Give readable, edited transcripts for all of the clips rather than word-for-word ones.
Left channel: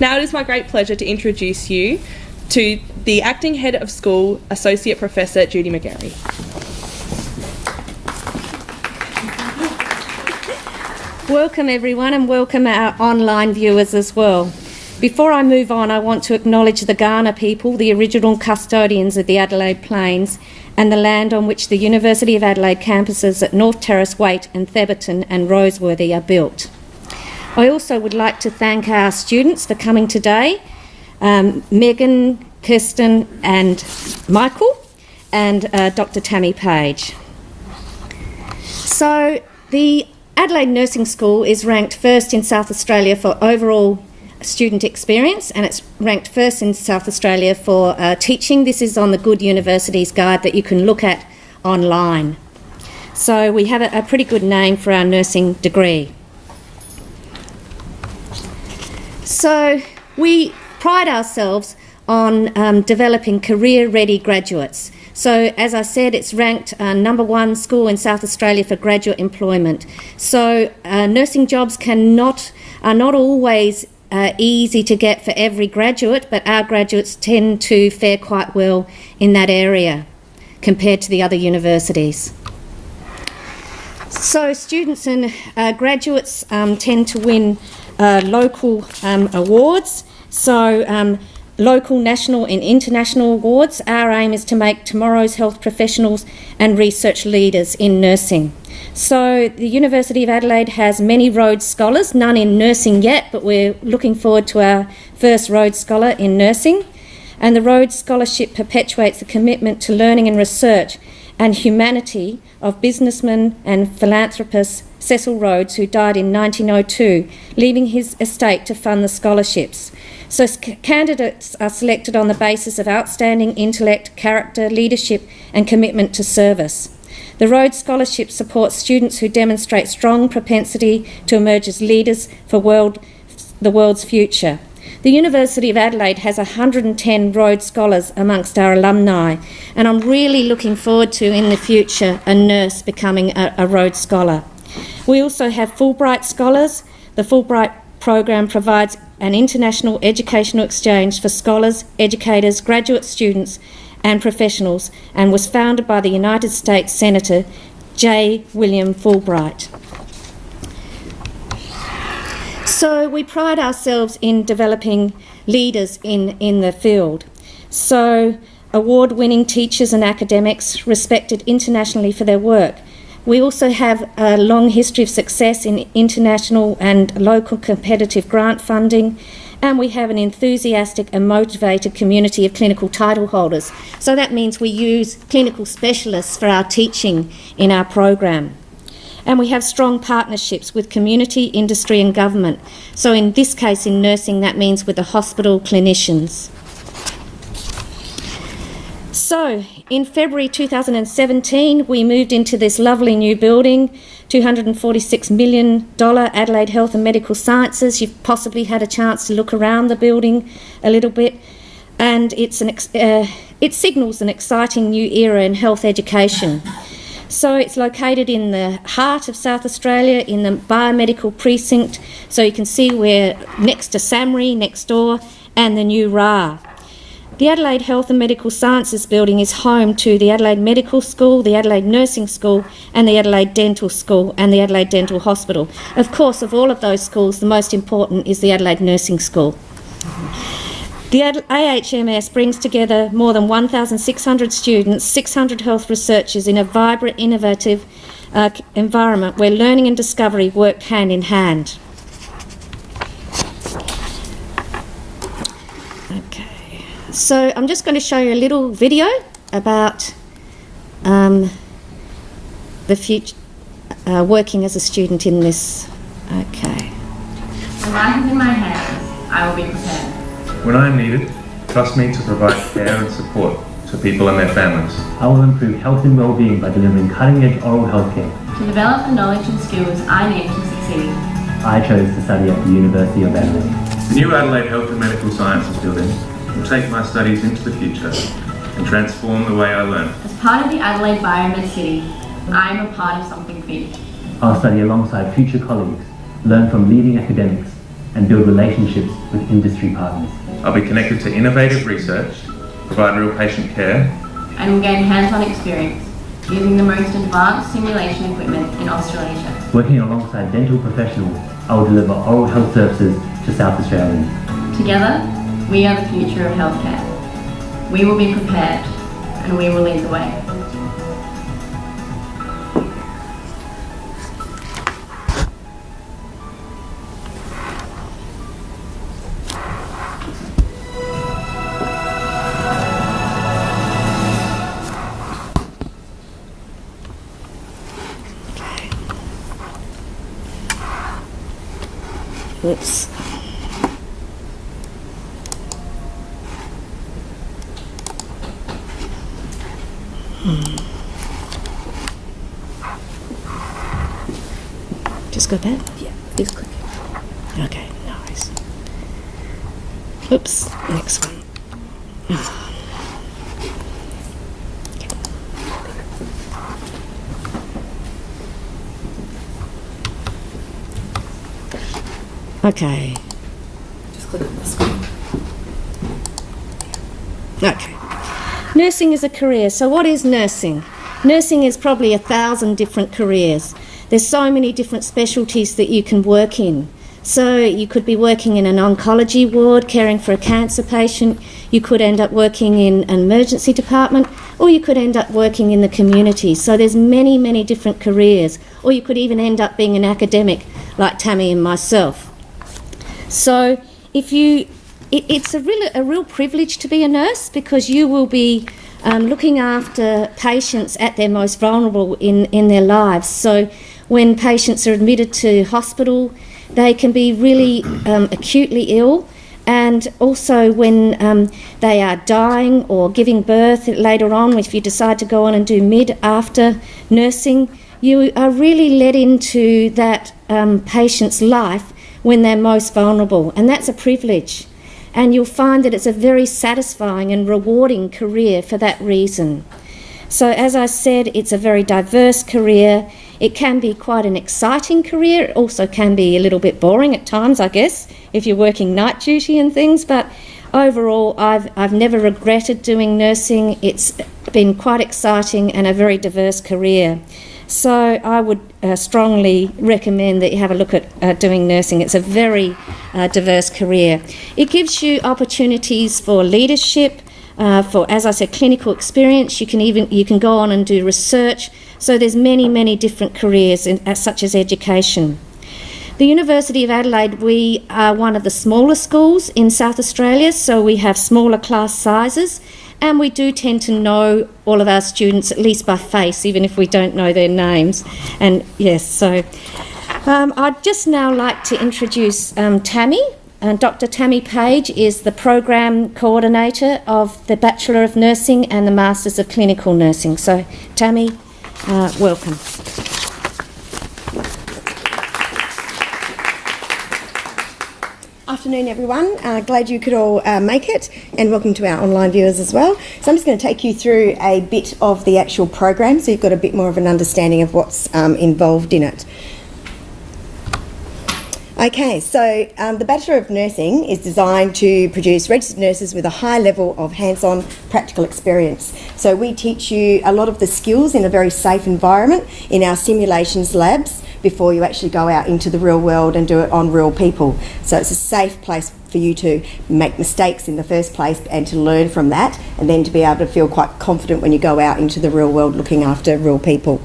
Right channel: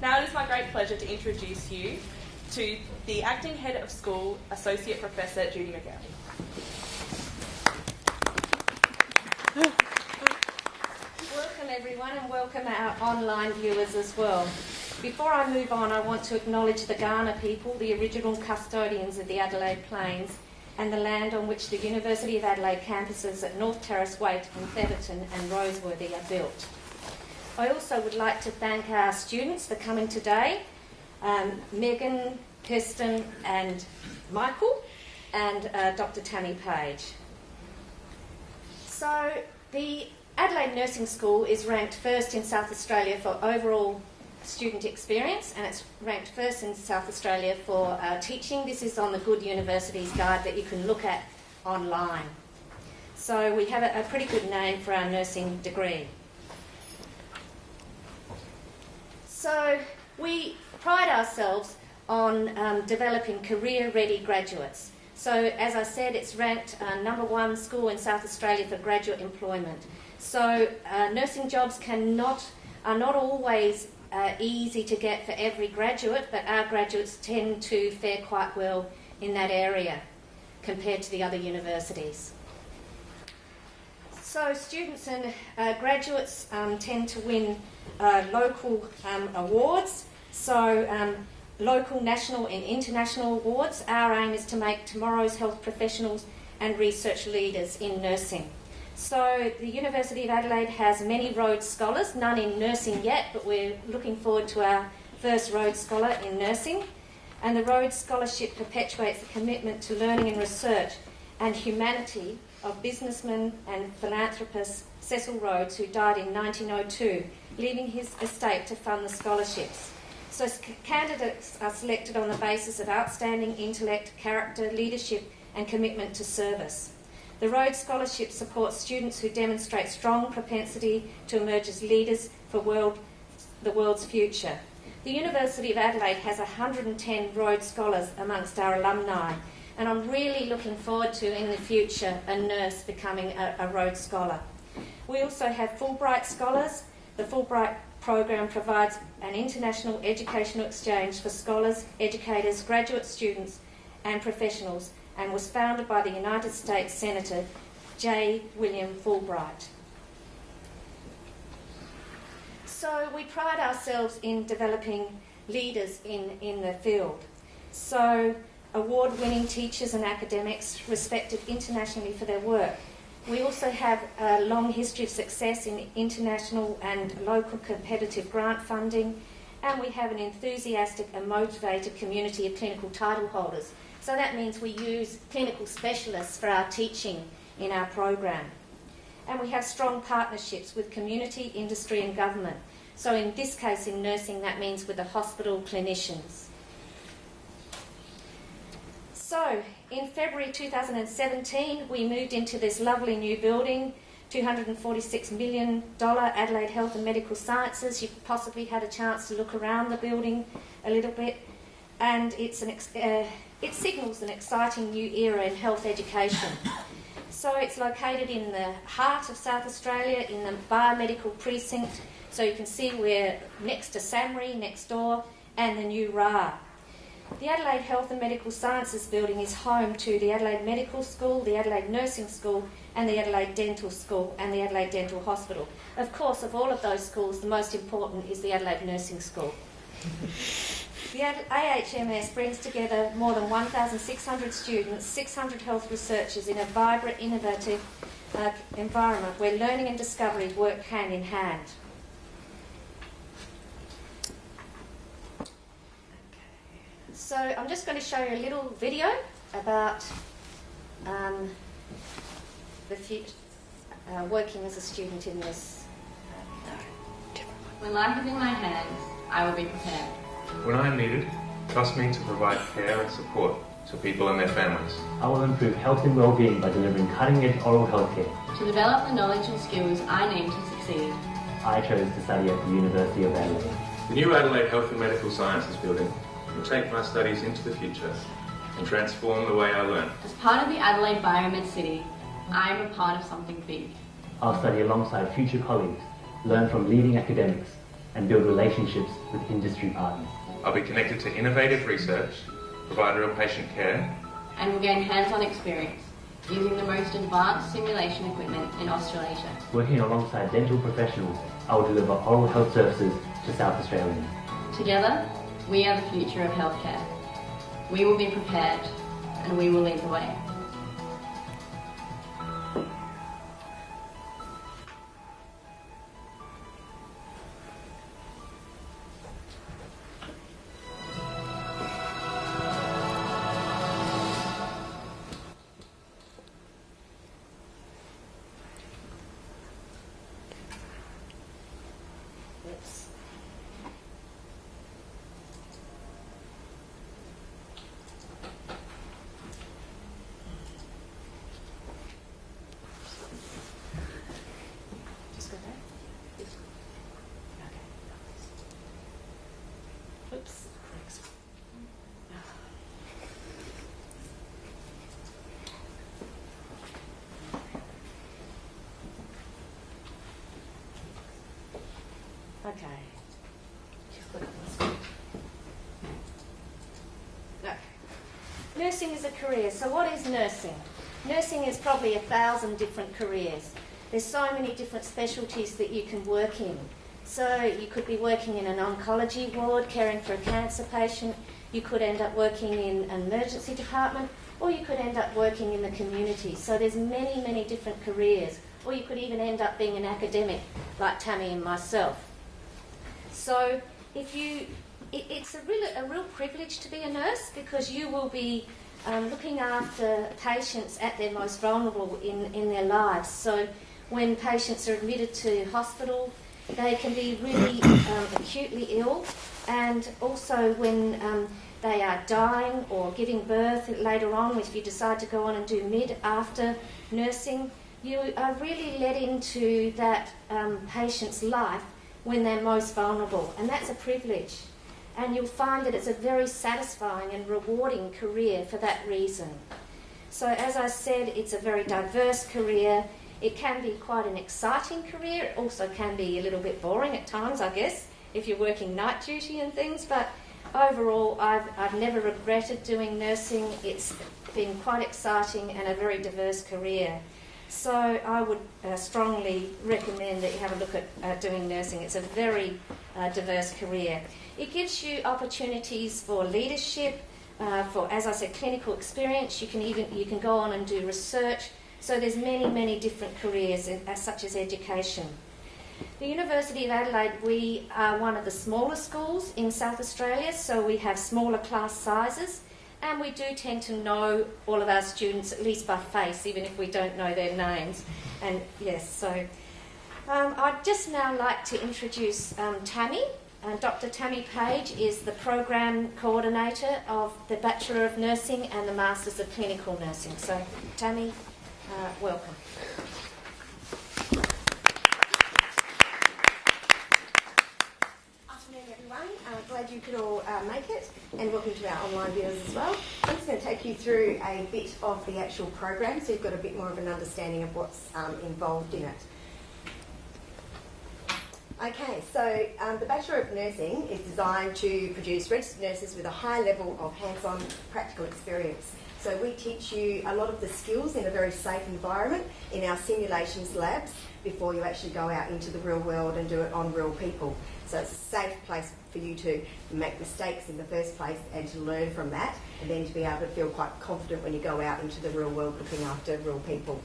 Now it is my great pleasure to introduce you to the Acting Head of School, Associate Professor Judy McGarry. Welcome everyone, and welcome our online viewers as well. Before I move on, I want to acknowledge the Kaurna people, the original custodians of the Adelaide Plains, and the land on which the University of Adelaide campuses at North Terrace, Waite and Theberton and Roseworthy are built. I also would like to thank our students for coming today, Megan, Kirsten and Michael, and Dr. Tammy Page. So the Adelaide Nursing School is ranked first in South Australia for overall student experience, and it's ranked first in South Australia for teaching. This is on the Good Universities Guide that you can look at online. So we have a pretty good name for our nursing degree. So we pride ourselves on developing career-ready graduates. So as I said, it's ranked #1 school in South Australia for graduate employment. So nursing jobs are not always easy to get for every graduate, but our graduates tend to fare quite well in that area compared to the other universities. So students and graduates tend to win local awards. So local, national and international awards. Our aim is to make tomorrow's health professionals and research leaders in nursing. So the University of Adelaide has many Rhodes Scholars, none in nursing yet, but we're looking forward to our first Rhodes Scholar in nursing. And the Rhodes Scholarship perpetuates the commitment to learning and research and humanity of businessman and philanthropist Cecil Rhodes, who died in 1902, leaving his estate to fund the scholarships. So candidates are selected on the basis of outstanding intellect, character, leadership and commitment to service. The Rhodes Scholarship supports students who demonstrate strong propensity to emerge as leaders for the world's future. The University of Adelaide has 110 Rhodes Scholars amongst our alumni, and I'm really looking forward to, in the future, a nurse becoming a Rhodes Scholar. We also have Fulbright Scholars. The Fulbright program provides an international educational exchange for scholars, educators, graduate students and professionals, and was founded by the United States Senator J. William Fulbright. So we pride ourselves in developing leaders in the field. So award-winning teachers and academics respected internationally for their work. We also have a long history of success in international and local competitive grant funding, and we have an enthusiastic and motivated community of clinical title holders. So that means we use clinical specialists for our teaching in our program. And we have strong partnerships with community, industry and government. So in this case, in nursing, that means with the hospital clinicians. So in February 2017, we moved into this lovely new building, $246 million Adelaide Health and Medical Sciences. You've possibly had a chance to look around the building a little bit, and it signals an exciting new era in health education. So it's located in the heart of South Australia, in the biomedical precinct. So you can see we're next to SAMRI, next door, and the new RA. The Adelaide Health and Medical Sciences building is home to the Adelaide Medical School, the Adelaide Nursing School and the Adelaide Dental School and the Adelaide Dental Hospital. Of course, of all of those schools, the most important is the Adelaide Nursing School. The AHMS brings together more than 1,600 students, 600 health researchers in a vibrant, innovative environment where learning and discovery work hand in hand. Okay, so I'm just going to show you a little video about the future, working as a student in this. Okay. When life is in my hands, I will be prepared. When I am needed, trust me to provide care and support to people and their families. I will improve health and well-being by delivering cutting-edge oral health care. To develop the knowledge and skills I need to succeed. I chose to study at the University of Adelaide. The new Adelaide Health and Medical Sciences building will take my studies into the future and transform the way I learn. As part of the Adelaide Biomed City, I am a part of something big. I'll study alongside future colleagues, learn from leading academics, and build relationships with industry partners. I'll be connected to innovative research, provide real patient care, and will gain hands-on experience using the most advanced simulation equipment in Australasia. Working alongside dental professionals, I will deliver oral health services to South Australians. Together, we are the future of healthcare. We will be prepared and we will lead the way. Oops. Just go back? Yeah, just click. Okay, nice. Oops, next one. Okay. Just click on the screen. Okay. Nursing is a career. So what is nursing? Nursing is probably 1,000 different careers. There's so many different specialties that you can work in. So you could be working in an oncology ward, caring for a cancer patient. You could end up working in an emergency department, or you could end up working in the community. So there's many, many different careers. Or you could even end up being an academic like Tammy and myself. So it's a real privilege to be a nurse, because you will be looking after patients at their most vulnerable in their lives. So when patients are admitted to hospital, they can be really acutely ill, and also when they are dying or giving birth later on, if you decide to go on and do mid-after nursing, you are really led into that patient's life when they're most vulnerable, and that's a privilege. And you'll find that it's a very satisfying and rewarding career for that reason. So as I said, it's a very diverse career. It can be quite an exciting career. It also can be a little bit boring at times, I guess, if you're working night duty and things. But overall, I've never regretted doing nursing. It's been quite exciting and a very diverse career. So I would strongly recommend that you have a look at doing nursing. It's a very diverse career. It gives you opportunities for leadership, for, as I said, clinical experience. You can go on and do research. So there's many different careers such as education. The University of Adelaide, we are one of the smaller schools in South Australia, so we have smaller class sizes, and we do tend to know all of our students, at least by face, even if we don't know their names. And yes, so I'd just now like to introduce Tammy. Dr. Tammy Page is the program coordinator of the Bachelor of Nursing and the Masters of Clinical Nursing. So Tammy, welcome. Afternoon everyone, glad you could all make it, and welcome to our online viewers as well. So I'm just going to take you through a bit of the actual program so you've got a bit more of an understanding of what's involved in it. Okay, so the Bachelor of Nursing is designed to produce registered nurses with a high level of hands-on practical experience. So we teach you a lot of the skills in a very safe environment in our simulations labs before you actually go out into the real world and do it on real people. So it's a safe place for you to make mistakes in the first place and to learn from that, and then to be able to feel quite confident when you go out into the real world looking after real people.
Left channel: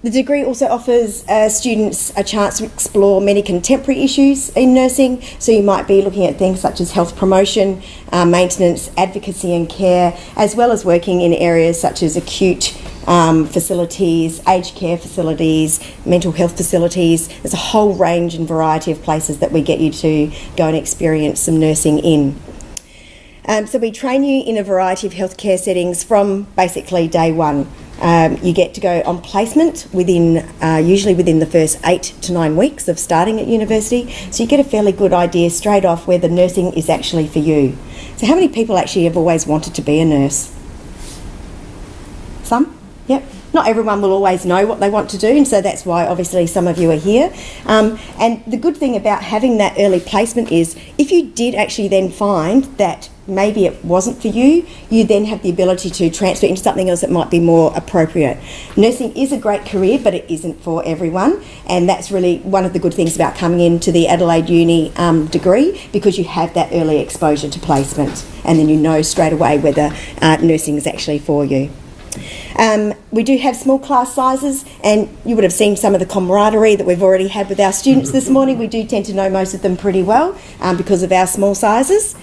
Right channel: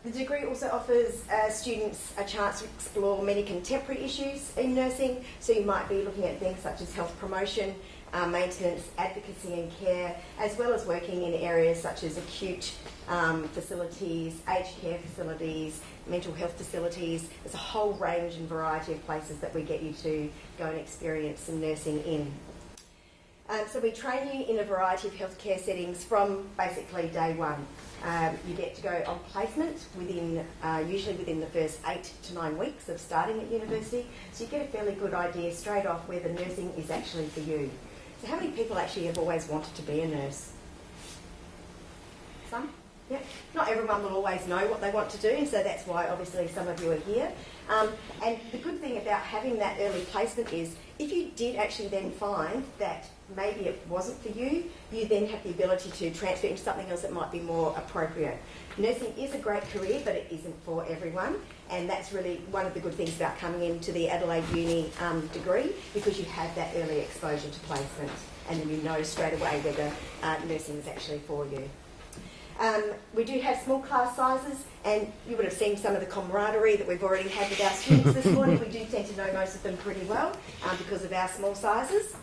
The degree also offers students a chance to explore many contemporary issues in nursing. So you might be looking at things such as health promotion, maintenance, advocacy and care, as well as working in areas such as acute facilities, aged care facilities, mental health facilities. There's a whole range and variety of places that we get you to go and experience some nursing in. So we train you in a variety of healthcare settings from basically day one. You get to go on placement usually within the first 8 to 9 weeks of starting at university. So you get a fairly good idea straight off whether nursing is actually for you. So how many people actually have always wanted to be a nurse? Some? Yep. not everyone will always know what they want to do, and so that's why obviously some of you are here. And the good thing about having that early placement is if you did actually then find that maybe it wasn't for you, you then have the ability to transfer into something else that might be more appropriate. Nursing is a great career, but it isn't for everyone, and that's really one of the good things about coming into the Adelaide Uni degree, because you have that early exposure to placement, and then you know straight away whether nursing is actually for you. We do have small class sizes, and you would have seen some of the camaraderie that we've already had with our students this morning. We do tend to know most of them pretty well because of our small sizes.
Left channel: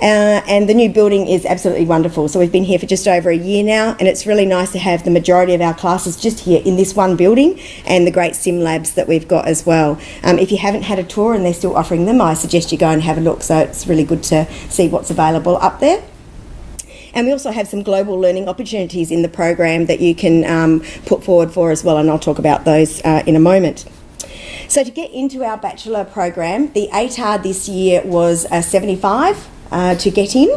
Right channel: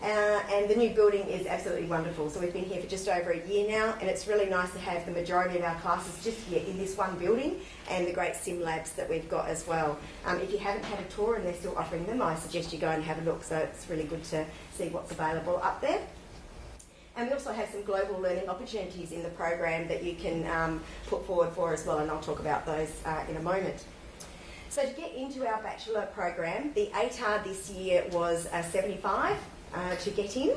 And the new building is absolutely wonderful. So we've been here for just over a year now, and it's really nice to have the majority of our classes just here in this one building, and the great sim labs that we've got as well. If you haven't had a tour and they're still offering them, I suggest you go and have a look. So it's really good to see what's available up there. And we also have some global learning opportunities in the program that you can put forward for as well, and I'll talk about those in a moment. So to get into our bachelor program, the ATAR this year was 75 to get in,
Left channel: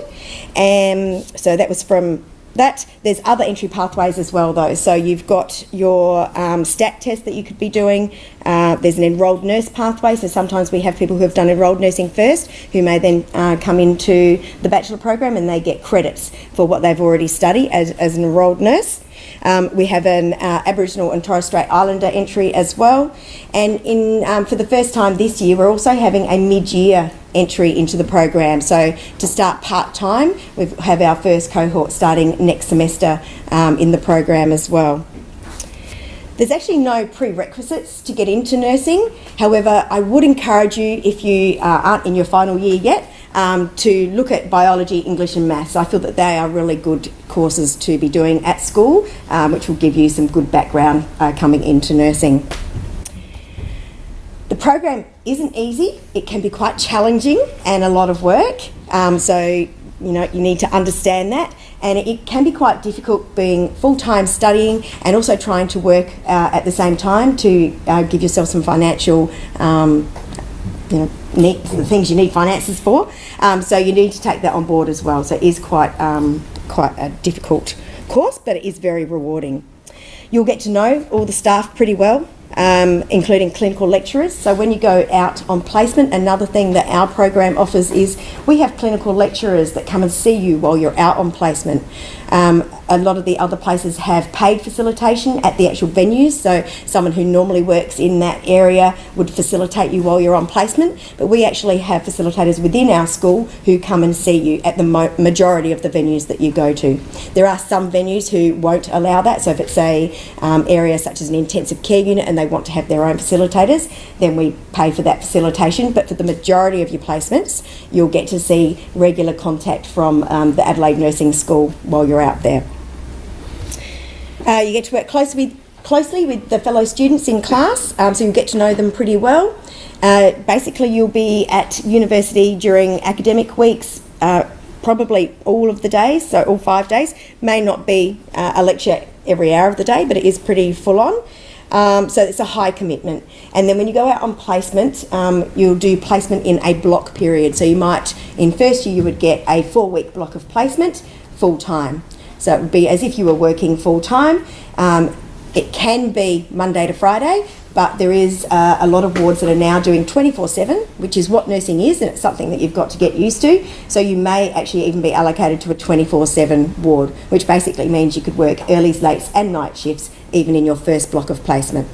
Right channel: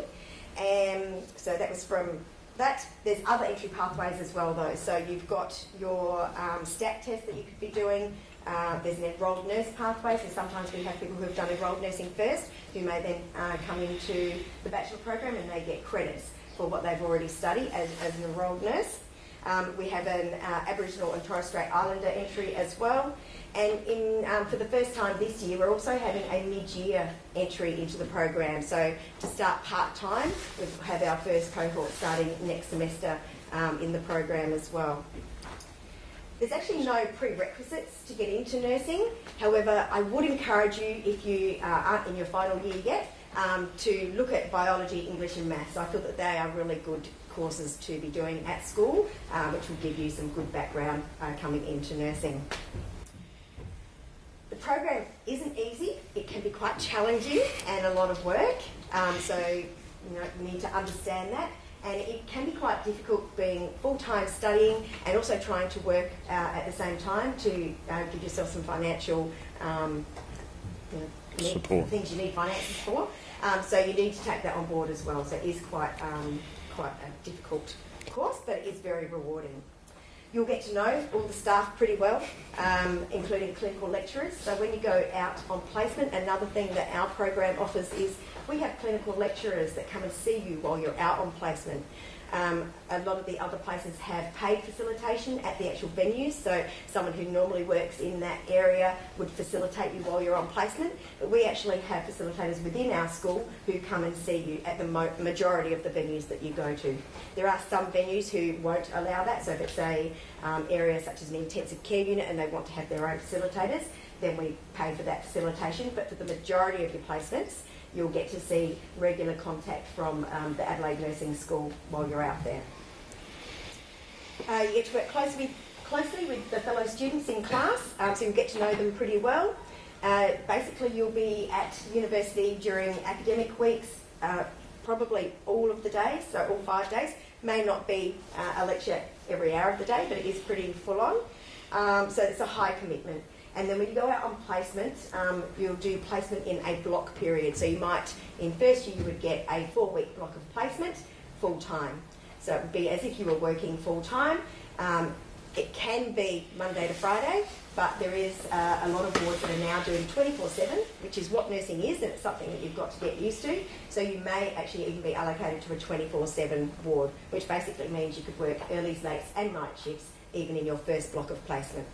and so that was from that. There's other entry pathways as well though, so you've got your STAT test that you could be doing. There's an enrolled nurse pathway, so sometimes we have people who have done enrolled nursing first who may then come into the bachelor program, and they get credits for what they've already studied as an enrolled nurse. We have an Aboriginal and Torres Strait Islander entry as well, and for the first time this year we're also having a mid-year entry into the program. So to start part-time, we have our first cohort starting next semester in the program as well. There's actually no prerequisites to get into nursing. However, I would encourage you, if you aren't in your final year yet, to look at biology, English and maths. I feel that they are really good courses to be doing at school, which will give you some good background coming into nursing. The program isn't easy. It can be quite challenging and a lot of work. So you need to understand that, and it can be quite difficult being full-time studying and also trying to work at the same time to give yourself some financial the things you need finances for. So you need to take that on board as well. So it is quite a difficult course, but it is very rewarding. You'll get to know all the staff pretty well, including clinical lecturers. So when you go out on placement, another thing that our program offers is we have clinical lecturers that come and see you while you're out on placement. A lot of the other places have paid facilitation at the actual venues, so someone who normally works in that area would facilitate you while you're on placement, but we actually have facilitators within our school who come and see you at the majority of the venues that you go to. There are some venues who won't allow that, so if it's a area such as an intensive care unit and they want to have their own facilitators, then we pay for that facilitation, but for the majority of your placements you'll get to see regular contact from the Adelaide Nursing School while you're out there. You get to work closely with the fellow students in class, so you'll get to know them pretty well. Basically, you'll be at university during academic weeks, probably all of the days, so all 5 days. May not be a lecture every hour of the day, but it is pretty full on. So it's a high commitment. And then when you go out on placement, you'll do placement in a block period. So you might, in first year, you would get a 4-week block of placement full time. So it would be as if you were working full time. It can be Monday to Friday, but there is a lot of wards that are now doing 24/7, which is what nursing is, and it's something that you've got to get used to. So you may actually even be allocated to a 24/7 ward, which basically means you could work earlies, lates and night shifts even in your first block of placement.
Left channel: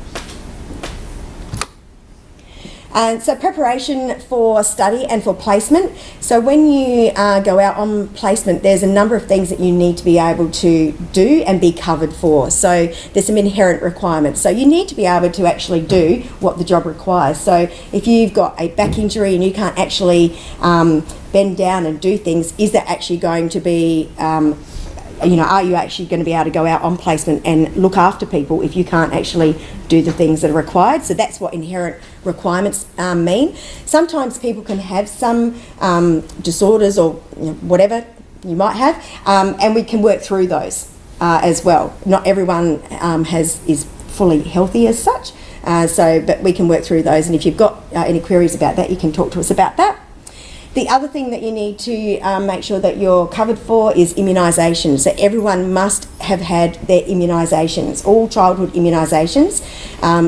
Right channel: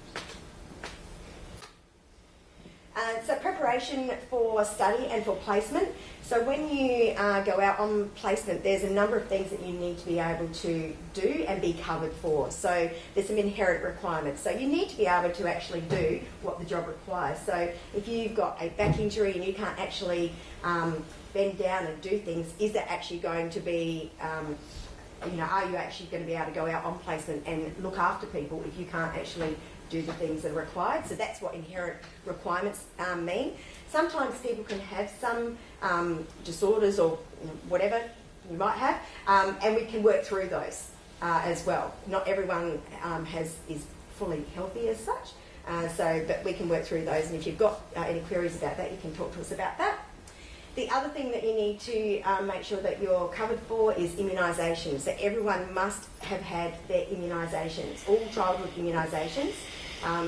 So preparation for study and for placement. So when you go out on placement, there's a number of things that you need to be able to do and be covered for. So there's some inherent requirements. So you need to be able to actually do what the job requires. So if you've got a back injury and you can't actually bend down and do things, is that actually going to be are you actually going to be able to go out on placement and look after people if you can't actually do the things that are required? So that's what inherent requirements mean. Sometimes people can have some disorders or whatever you might have, and we can work through those as well. Not everyone is fully healthy as such, but we can work through those, and if you've got any queries about that, you can talk to us about that. The other thing that you need to make sure that you're covered for is immunisations. So everyone must have had their immunisations, all childhood immunisations,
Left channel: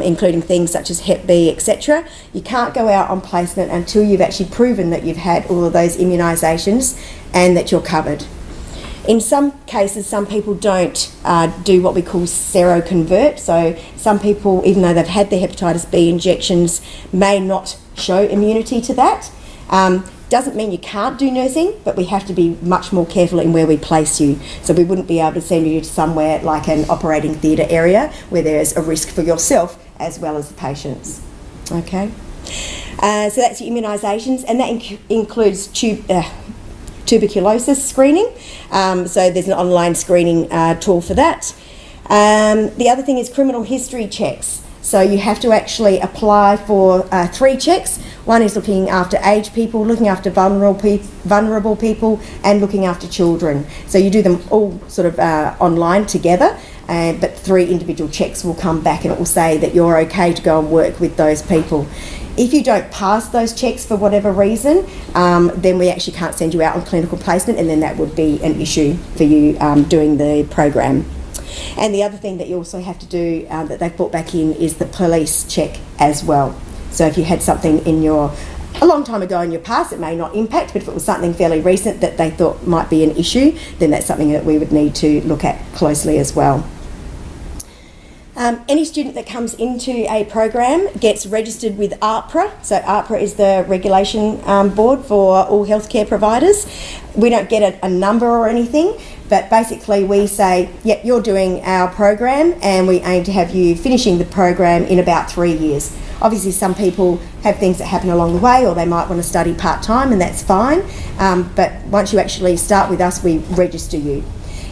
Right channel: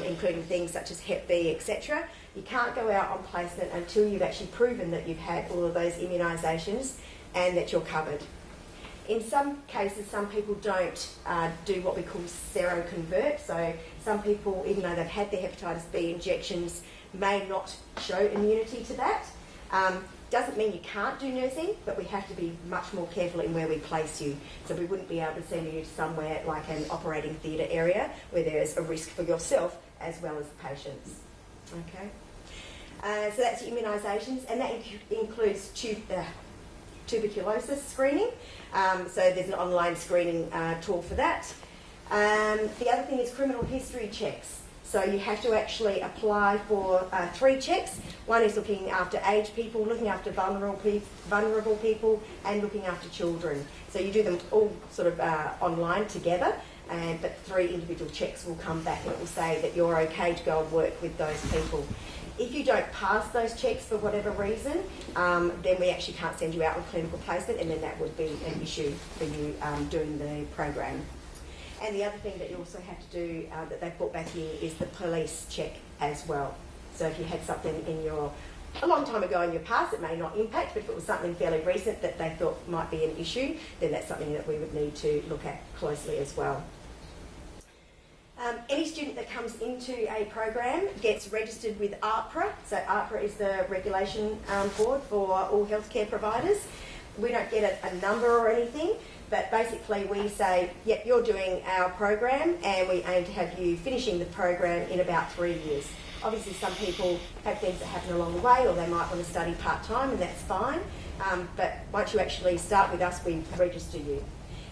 including things such as Hep B, etc. You can't go out on placement until you've actually proven that you've had all of those immunisations and that you're covered. In some cases, some people don't do what we call seroconvert. So some people, even though they've had their hepatitis B injections, may not show immunity to that. Doesn't mean you can't do nursing, but we have to be much more careful in where we place you. So we wouldn't be able to send you to somewhere like an operating theatre area where there is a risk for yourself as well as the patients. Okay, so that's your immunisations, and that includes tuberculosis screening. So there's an online screening tool for that. The other thing is criminal history checks. So you have to actually apply for 3 checks. One is looking after aged people, looking after vulnerable people, and looking after children. So you do them all sort of online together, but 3 individual checks will come back and it will say that you're okay to go and work with those people. If you don't pass those checks for whatever reason, then we actually can't send you out on clinical placement, and then that would be an issue for you doing the program. And the other thing that you also have to do that they've brought back in is the police check as well. So if you had something a long time ago in your past, it may not impact, but if it was something fairly recent that they thought might be an issue, then that's something that we would need to look at closely as well. Any student that comes into a program gets registered with AHPRA. So AHPRA is the regulation board for all healthcare providers. We don't get a number or anything, but basically we say, yep, you're doing our program and we aim to have you finishing the program in about 3 years. Obviously some people have things that happen along the way, or they might want to study part-time, and that's fine. But once you actually start with us, we register you.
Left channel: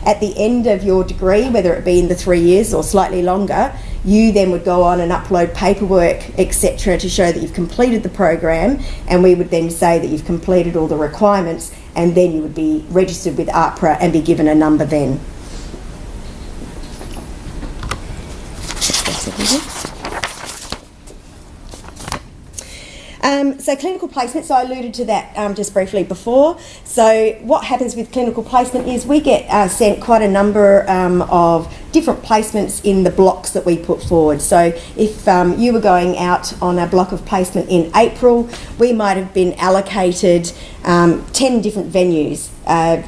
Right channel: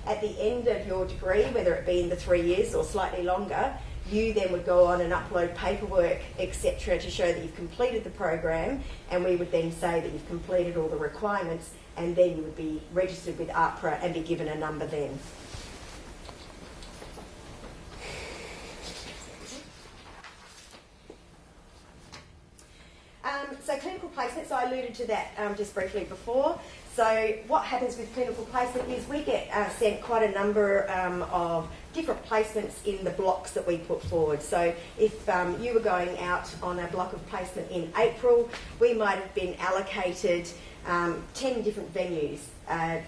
At the end of your degree, whether it be in the 3 years or slightly longer, you then would go on and upload paperwork, etc., to show that you've completed the program, and we would then say that you've completed all the requirements, and then you would be registered with AHPRA and be given a number then. So clinical placement, so I alluded to that just briefly before. So what happens with clinical placement is we get sent quite a number of different placements in the blocks that we put forward. So if you were going out on a block of placement in April, we might have been allocated 10 different venues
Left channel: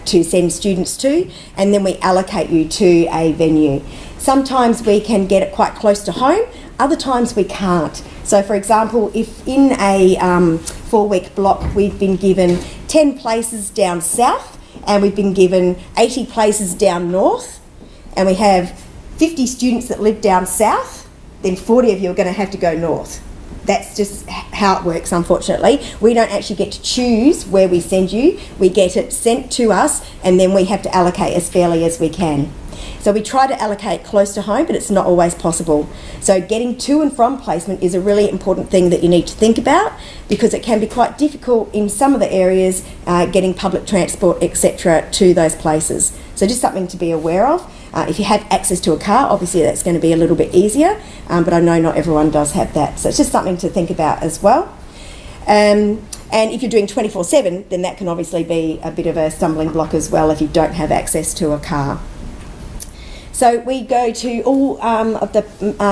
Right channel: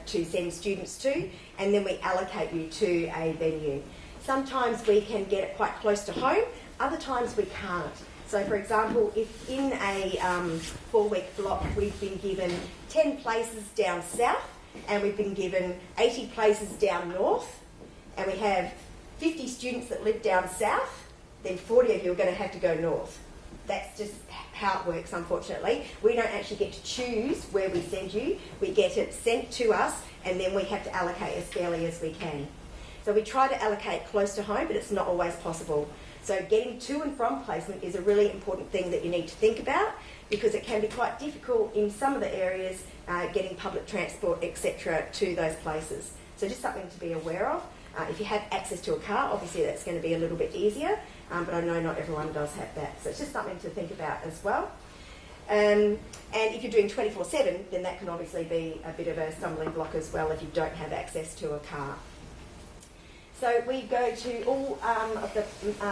to send students to, and then we allocate you to a venue. Sometimes we can get it quite close to home, other times we can't. So for example, if in a 4-week block we've been given 10 places down south and we've been given 80 places down north, and we have 50 students that live down south, then 40 of you are going to have to go north. That's just how it works, unfortunately. We don't actually get to choose where we send you. We get it sent to us, and then we have to allocate as fairly as we can. So we try to allocate close to home, but it's not always possible. So getting to and from placement is a really important thing that you need to think about, because it can be quite difficult in some of the areas getting public transport, etc., to those places. So just something to be aware of. If you have access to a car, obviously that's going to be a little bit easier, but I know not everyone does have that. So it's just something to think about as well. And if you're doing 24/7, then that can obviously be a bit of a stumbling block as well if you don't have access to a car. So we go to all of the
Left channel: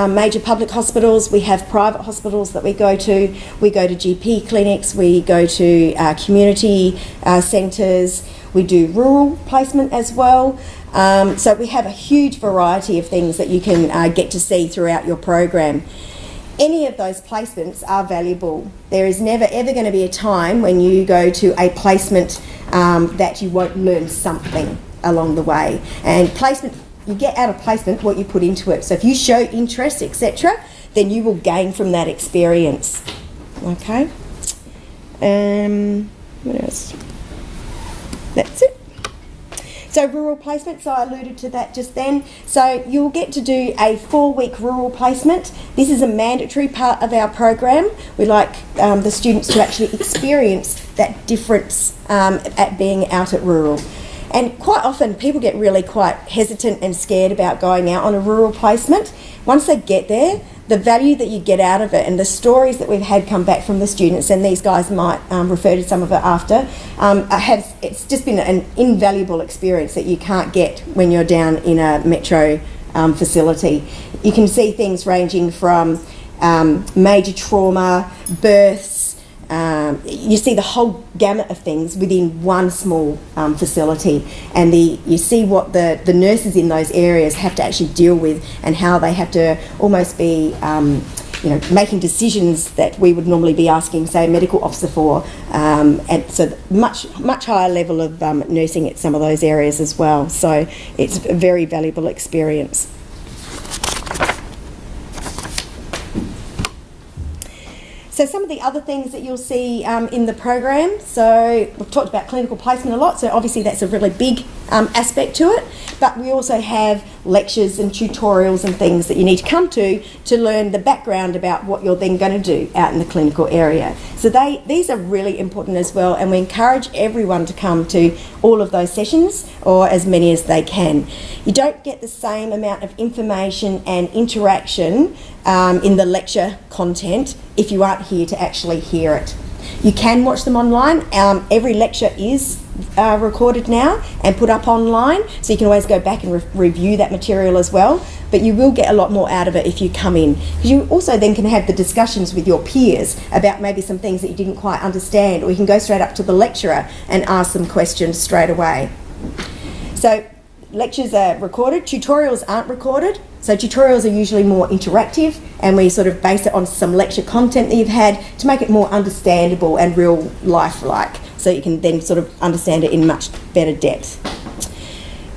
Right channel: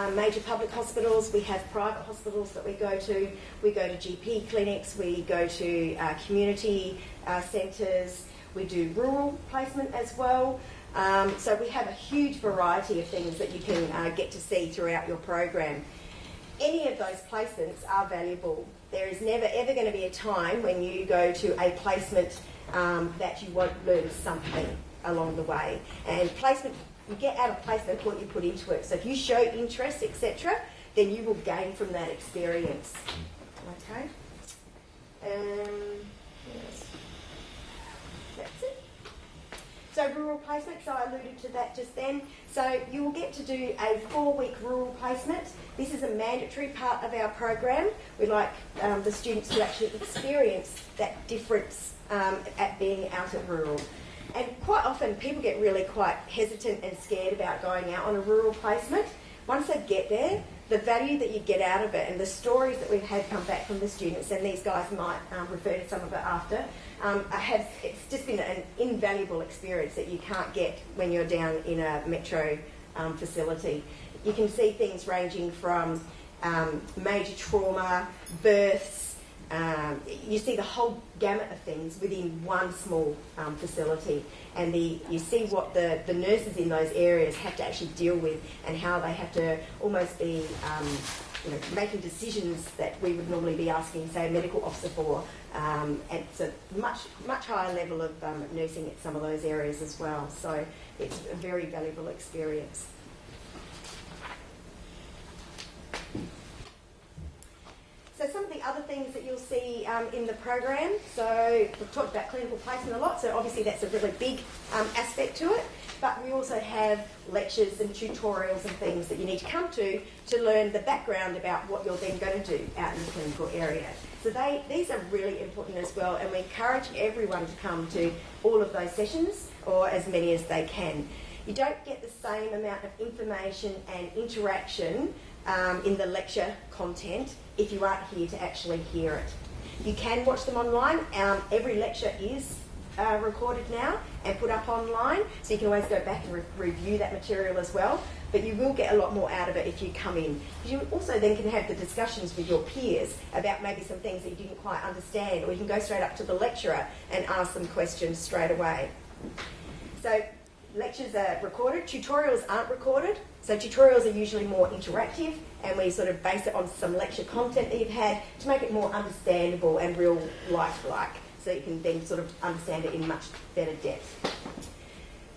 major public hospitals. We have private hospitals that we go to. We go to GP clinics. We go to community centres. We do rural placement as well. So we have a huge variety of things that you can get to see throughout your program. Any of those placements are valuable. There is never ever going to be a time when you go to a placement that you won't learn something along the way. And placement, you get out of placement what you put into it. So if you show interest, etc., then you will gain from that experience. Okay. What else? That's it. So rural placement, so I alluded to that just then. So you'll get to do a 4-week rural placement. This is a mandatory part of our program. We like the students to actually experience that difference at being out at rural. And quite often people get really quite hesitant and scared about going out on a rural placement. Once they get there, the value that you get out of it and the stories that we've had come back from the students, and these guys might refer to some of it after, it's just been an invaluable experience that you can't get when you're down in a metro facility. You can see things ranging from major trauma, births. You see the whole gamut of things within one small facility, and you see what the nurses in those areas have to actually deal with, and how they have to almost be making decisions that we would normally be asking, say, a medical officer for, and so much higher level of nursing at some of those areas as well. So it's a very valuable experience. So some of the other things that you'll see in the program, so we've talked about clinical placement a lot, so obviously that's a really big aspect to it, but we also have lectures and tutorials and things that you need to come to learn the background about what you're then going to do out in the clinical area. So these are really important as well, and we encourage everyone to come to all of those sessions, or as many as they can. You don't get the same amount of information and interaction in the lecture content if you aren't here to actually hear it. You can watch them online. Every lecture is recorded now and put up online, so you can always go back and review that material as well, but you will get a lot more out of it if you come in, because you also then can have the discussions with your peers about maybe some things that you didn't quite understand, or you can go straight up to the lecturer and ask them questions straight away. So lectures are recorded, tutorials aren't recorded. So tutorials are usually more interactive, and we sort of base it on some lecture content that you've had to make it more understandable and real life-like, so you can then sort of understand it in much better depth.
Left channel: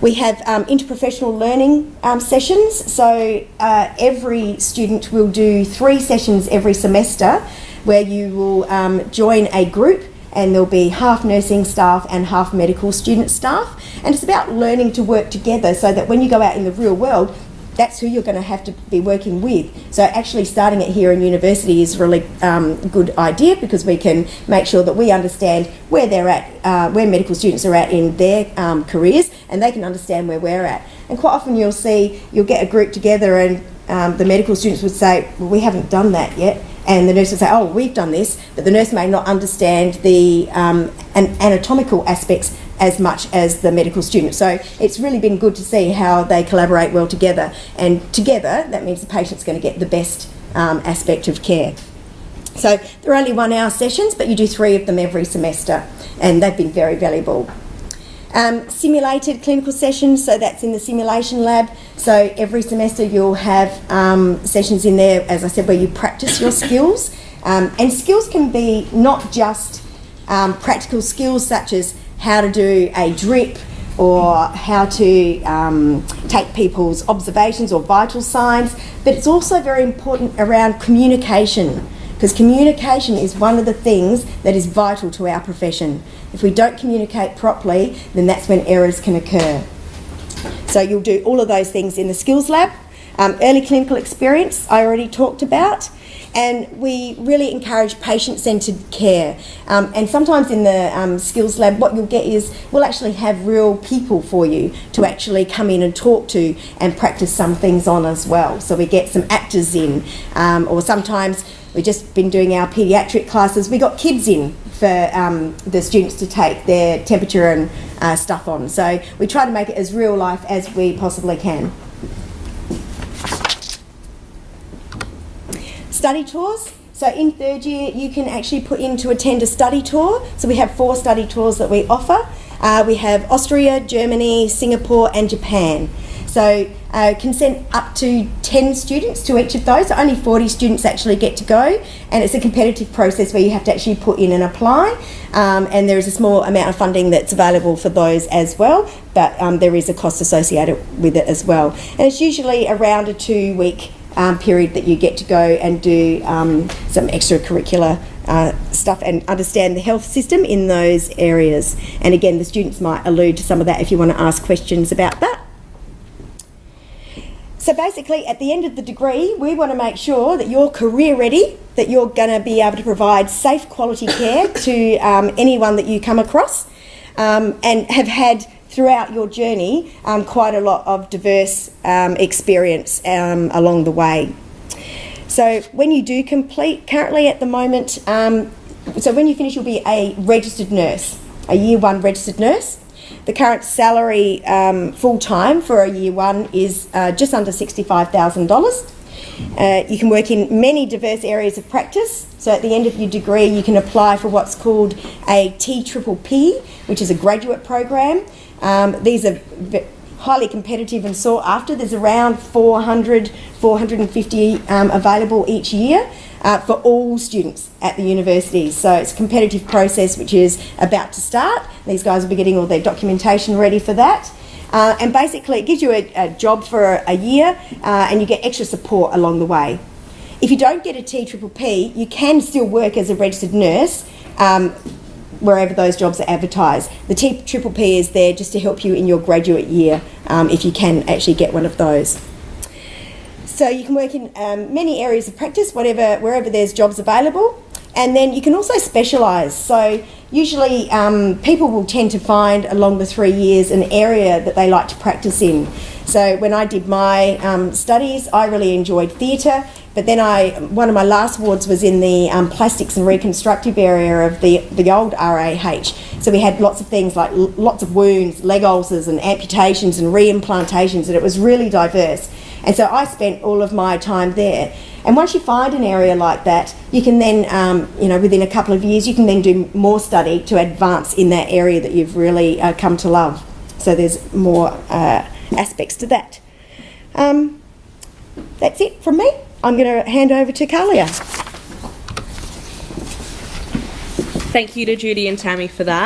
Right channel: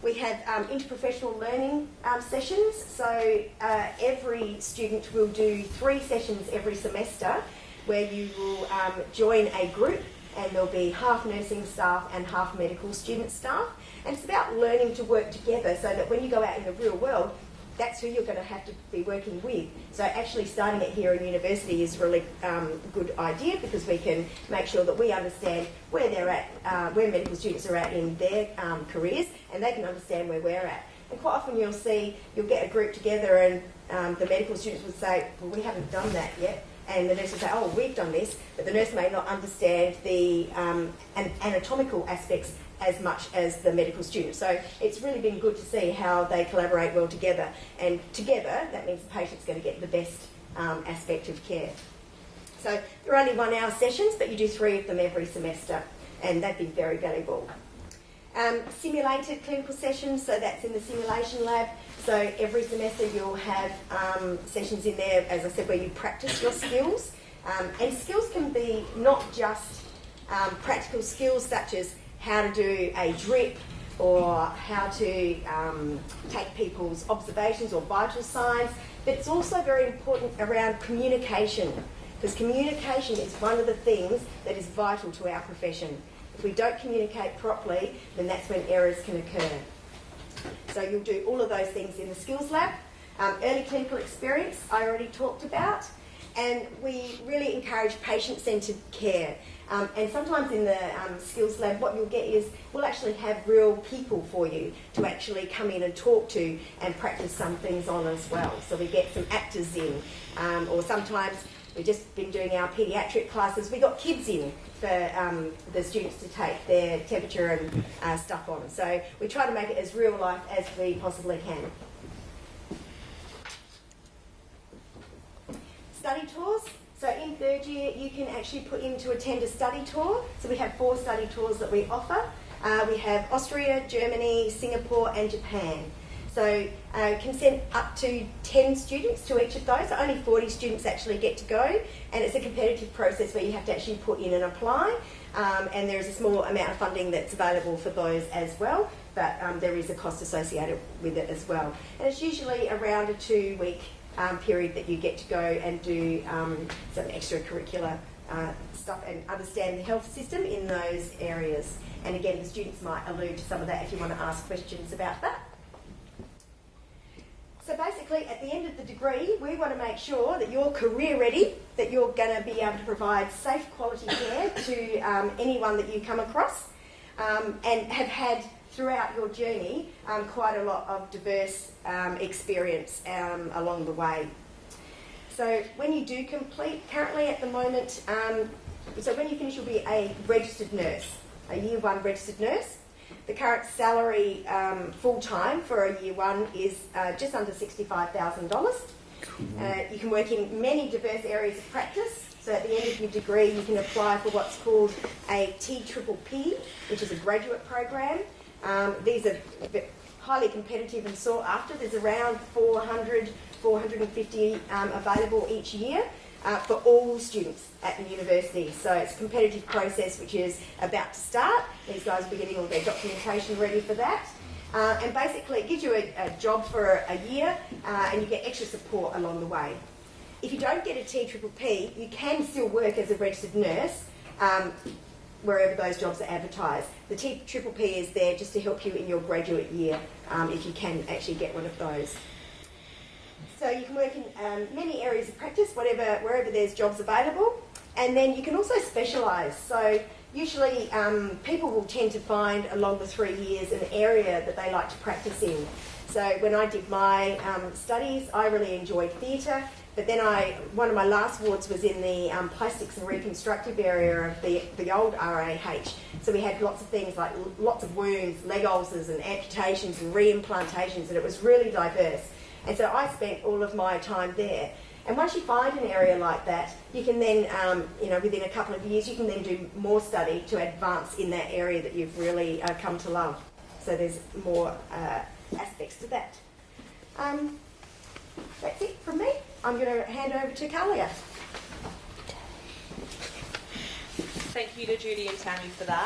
We have interprofessional learning sessions, so every student will do 3 sessions every semester where you will join a group, and there'll be half nursing staff and half medical student staff, and it's about learning to work together so that when you go out in the real world, that's who you're going to have to be working with. So actually starting it here in university is a really good idea, because we can make sure that we understand where they're at, where medical students are at in their careers, and they can understand where we're at. And quite often you'll get a group together, and the medical students would say, well, we haven't done that yet. And the nurse would say, oh, we've done this, but the nurse may not understand the anatomical aspects as much as the medical student. So it's really been good to see how they collaborate well together. And together, that means the patient's going to get the best aspect of care. So they're only 1 hour sessions, but you do 3 of them every semester, and they've been very valuable. Simulated clinical sessions, so that's in the simulation lab. So every semester you'll have sessions in there, as I said, where you practice your skills. And skills can be not just practical skills such as how to do a drip, or how to take people's observations or vital signs, but it's also very important around communication, because communication is one of the things that is vital to our profession. If we don't communicate properly, then that's when errors can occur. So you'll do all of those things in the skills lab. Early clinical experience I already talked about, and we really encourage patient-centred care. And sometimes in the skills lab, what you'll get is we'll actually have real people for you to actually come in and talk to and practice some things on as well. So we get some actors in, or sometimes we've just been doing our paediatric classes. We got kids in for the students to take their temperature and stuff on. So we try to make it as real life as we possibly can. Study tours. So in 3rd year, you can actually put in to attend a study tour. So we have 4 study tours that we offer. We have Austria, Germany, Singapore and Japan. So can send up to 10 students to each of those. So only 40 students actually get to go, and it's a competitive process where you have to actually put in and apply, and there is a small amount of funding that's available for those as well, but there is a cost associated with it as well. And it's usually around a 2-week period that you get to go and do some extracurricular stuff and understand the health system in those areas. And again, the students might allude to some of that if you want to ask questions about that. So basically, at the end of the degree, we want to make sure that you're career ready, that you're going to be able to provide safe quality care to anyone that you come across, and have had throughout your journey quite a lot of diverse experience along the way. So when you do complete, currently at the moment, so when you finish you'll be a registered nurse, a year 1 registered nurse. The current salary full-time for a year 1 is just under $65,000. You can work in many diverse areas of practice. So at the end of your degree you can apply for what's called a TPPP, which is a graduate program. These are highly competitive and sought after. There's around 450 available each year for all students at the universities. So it's a competitive process which is about to start. These guys will be getting all their documentation ready for that. And basically it gives you a job for a year and you get extra support along the way. If you don't get a TPPP, you can still work as a registered nurse wherever those jobs are advertised. The TPPP is there just to help you in your graduate year if you can actually get one of those. So you can work in many areas of practice, wherever there's jobs available. And then you can also specialise. So usually people will tend to find along the 3 years an area that they like to practice in. So when I did my studies, I really enjoyed theatre, but then one of my last wards was in the plastics and reconstructive area of the old RAH. So we had lots of things like lots of wounds, leg ulcers and amputations and reimplantations, and it was really diverse. And so I spent all of my time there. And once you find an area like that, you can then, within a couple of years, you can then do more study to advance in that area that you've really come to love. So there's more aspects to that. That's it from me. I'm going to hand over to Kalia. Thank you to Judy and Tammy for that.